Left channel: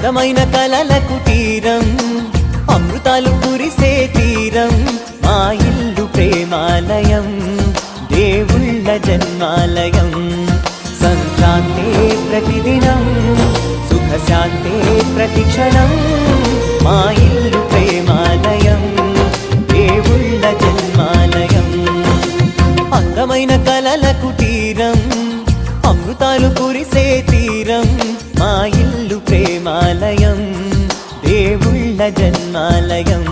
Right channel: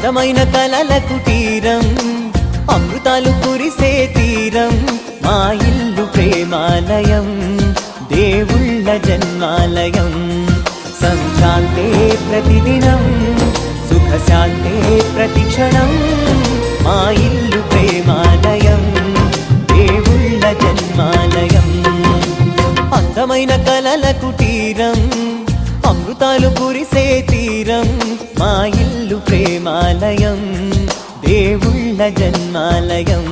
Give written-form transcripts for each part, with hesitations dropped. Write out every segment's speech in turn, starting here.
అందమైన కలల కుటీరం, అమృతాలు కురిసే తీరం, మా ఇల్లు ప్రేమాలయం, దేవుళ్ళ జన్మాలయం. సంక్రాంతే ప్రతిదినం, సుఖశాంతే ప్రతిక్షణం, మా ఇల్లు ప్రేమాలయం, దేవుళ్ళ జన్మాలయం. అందమైన కలల కుటీరం, అమృతాలు కురిసే తీరం, మా ఇల్లు ప్రేమాలయం, దేవుళ్ళ జన్మాలయం.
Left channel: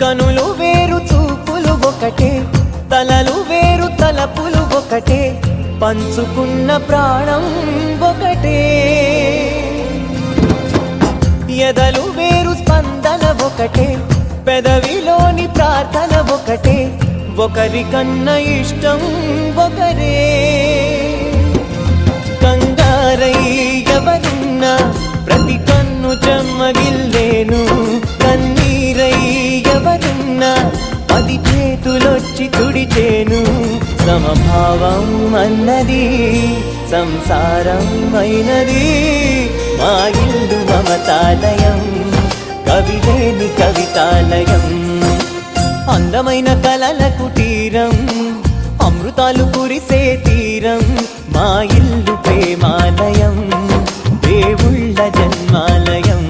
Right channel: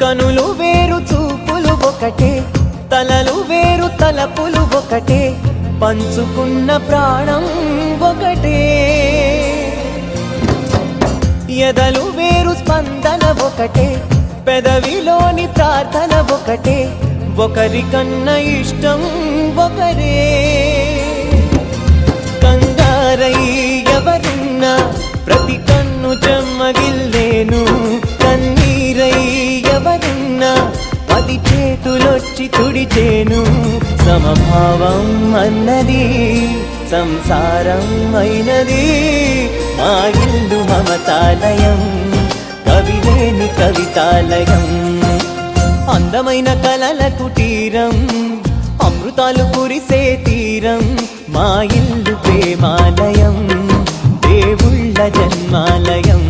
కనులు వేరు చూపులు ఒకటే, తలలు వేరు తలపులు ఒకటే, పంచుకున్న ప్రాణం ఒకటే. ఎదలు వేరు స్పందన ఒకటే, పెదవిలోని ప్రార్థన ఒకటే, ఒకరికన్నా ఇష్టం ఒకరే. కంగారై ఎవరున్నా ప్రతి కన్ను చెమ్మగిల్లేను, కన్నీరై ఎవరున్నా 10 చేతులొచ్చి తుడిచేను. సమభావం అన్నది సంసారం అయినది, మా ఇల్లు మమతాలయం, కవిలేని కవితాలయం. అందమైన కలల కుటీరం, అమృతాలు కురిసే తీరం, మా ఇల్లు ప్రేమాలయం, దేవుళ్ళ జన్మాలయం.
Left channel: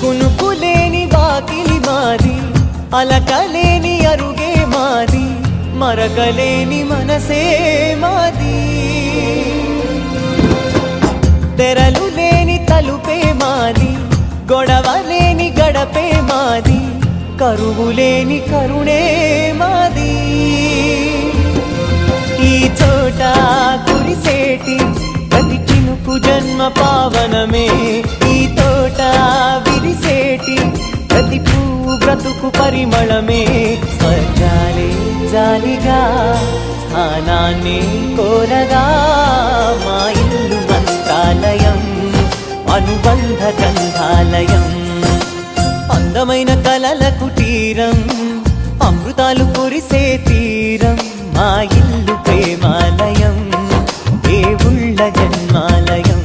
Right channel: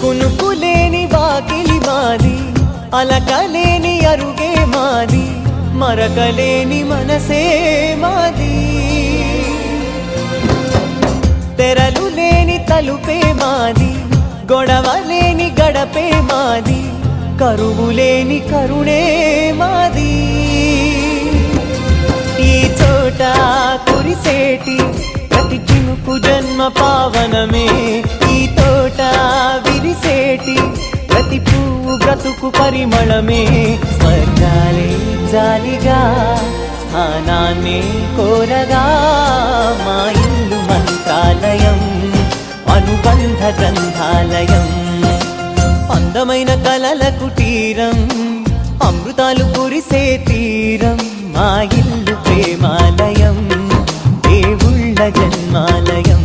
కునుకులేని వాకిలి మాది, అలకలేని అరుగే మాది, మరకలేని మనసే మాది. తెరలు లేని తలుపే మాది, గొడవలేని గడపే మాది, కరువులేని కరుణే మాది. ఈ చోట కురిసేటి ప్రతి చినుకు జన్మ పావనమే, ఈ తోట విరిసేటి ప్రతి పువ్వు బ్రతుకు పరిమళమే. స్వర్గాలే జాలిగా స్థానాన్ని కోరగా, మా ఇల్లు మంత్రాలయం, అనుబంధ గ్రంథాలయం. అందమైన కలల కుటీరం, అమృతాలు కురిసే తీరం, మా ఇల్లు ప్రేమాలయం, దేవుళ్ళ జన్మాలయం.